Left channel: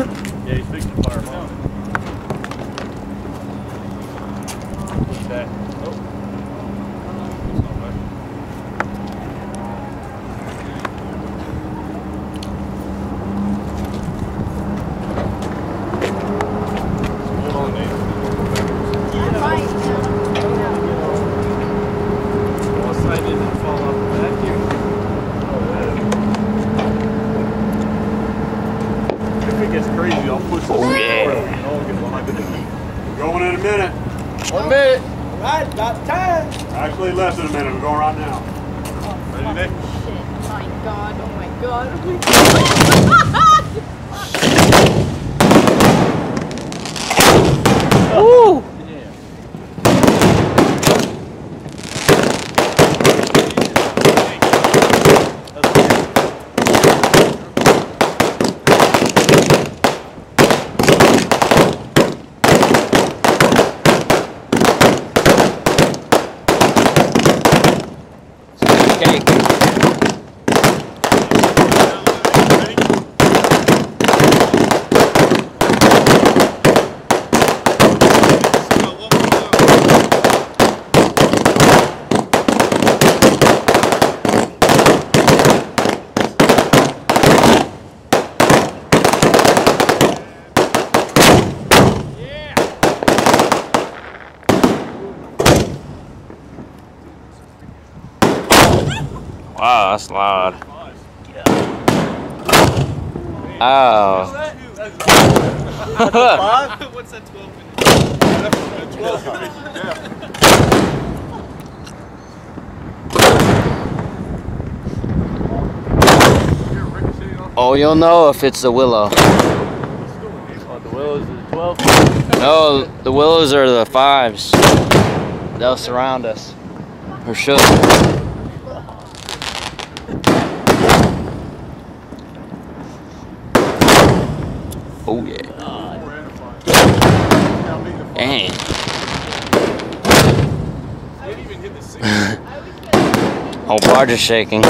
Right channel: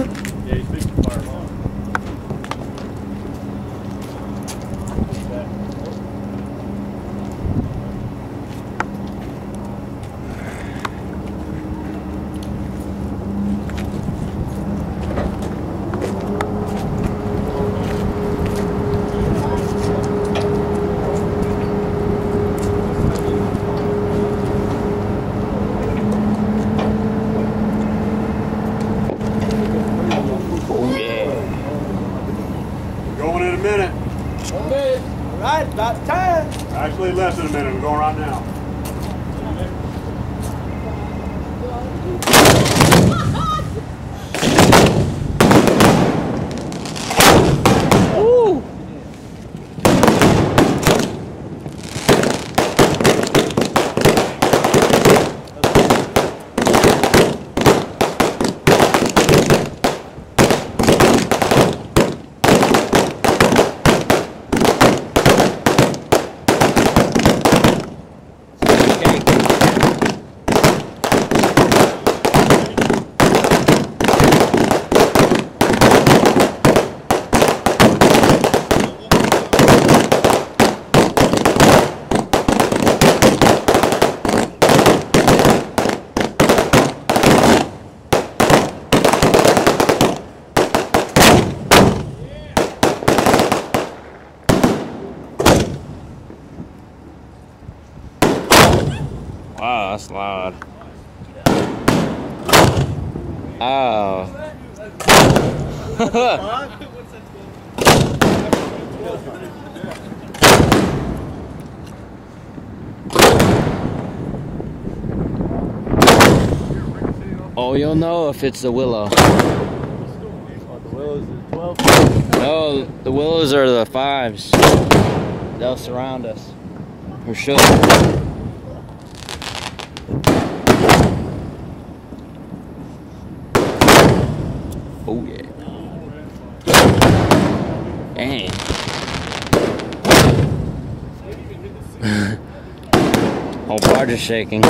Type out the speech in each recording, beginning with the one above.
Yeah, he's fixing to fire him off. What's that? Oh yeah. Going in a minute. 1 minute. All right, about time. Actually, less than a minute. We're going right now. Ready, Nick? Oh my god, oh my god. Woo! Wow, that's loud. Oh. What's that 12? Oh, you'll know if it's the willow. Oh, the willows are 12? No, the willows are the 5s. They'll surround us. For sure. Oh yeah. Dang. Whole barge is shaking.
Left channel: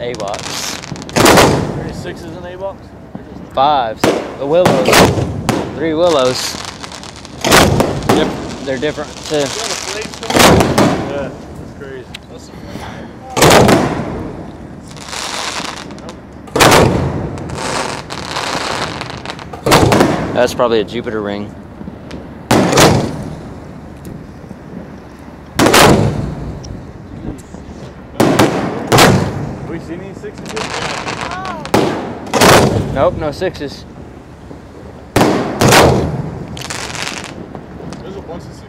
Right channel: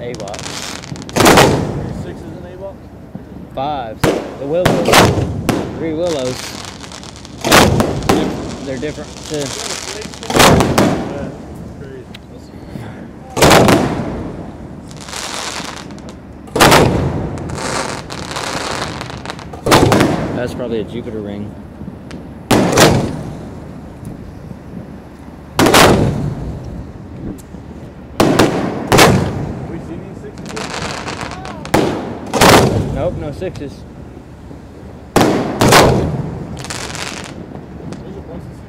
A-box. 36 is an A-box? 5s. The willows. 3 willows. They're different too. Yeah, that's crazy. That's probably a Jupiter ring. Have we seen these 6s yet? Nope, no 6s. There's a bunch of 6s.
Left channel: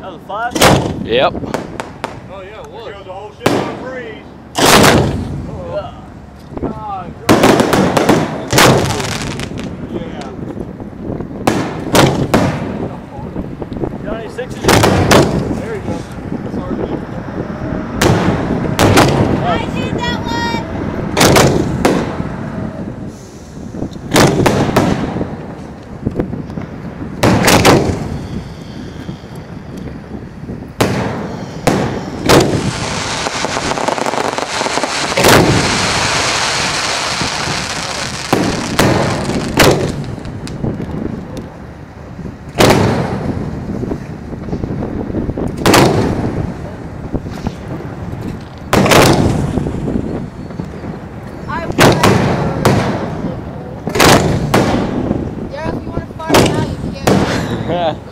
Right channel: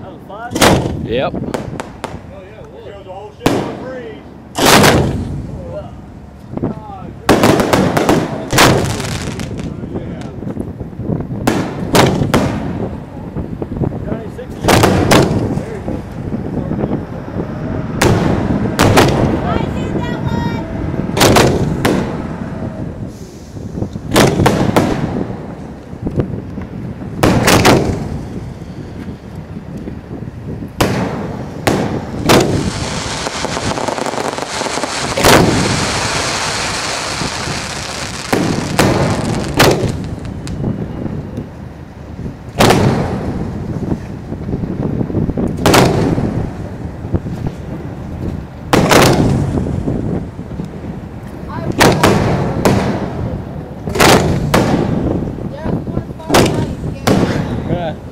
That was a 5? Yep. Oh, gonna freeze. God, Yeah. Johnny, sixes. There you go. That's hard to do. I did that one. I will. Yeah, if you want to fire now, you can.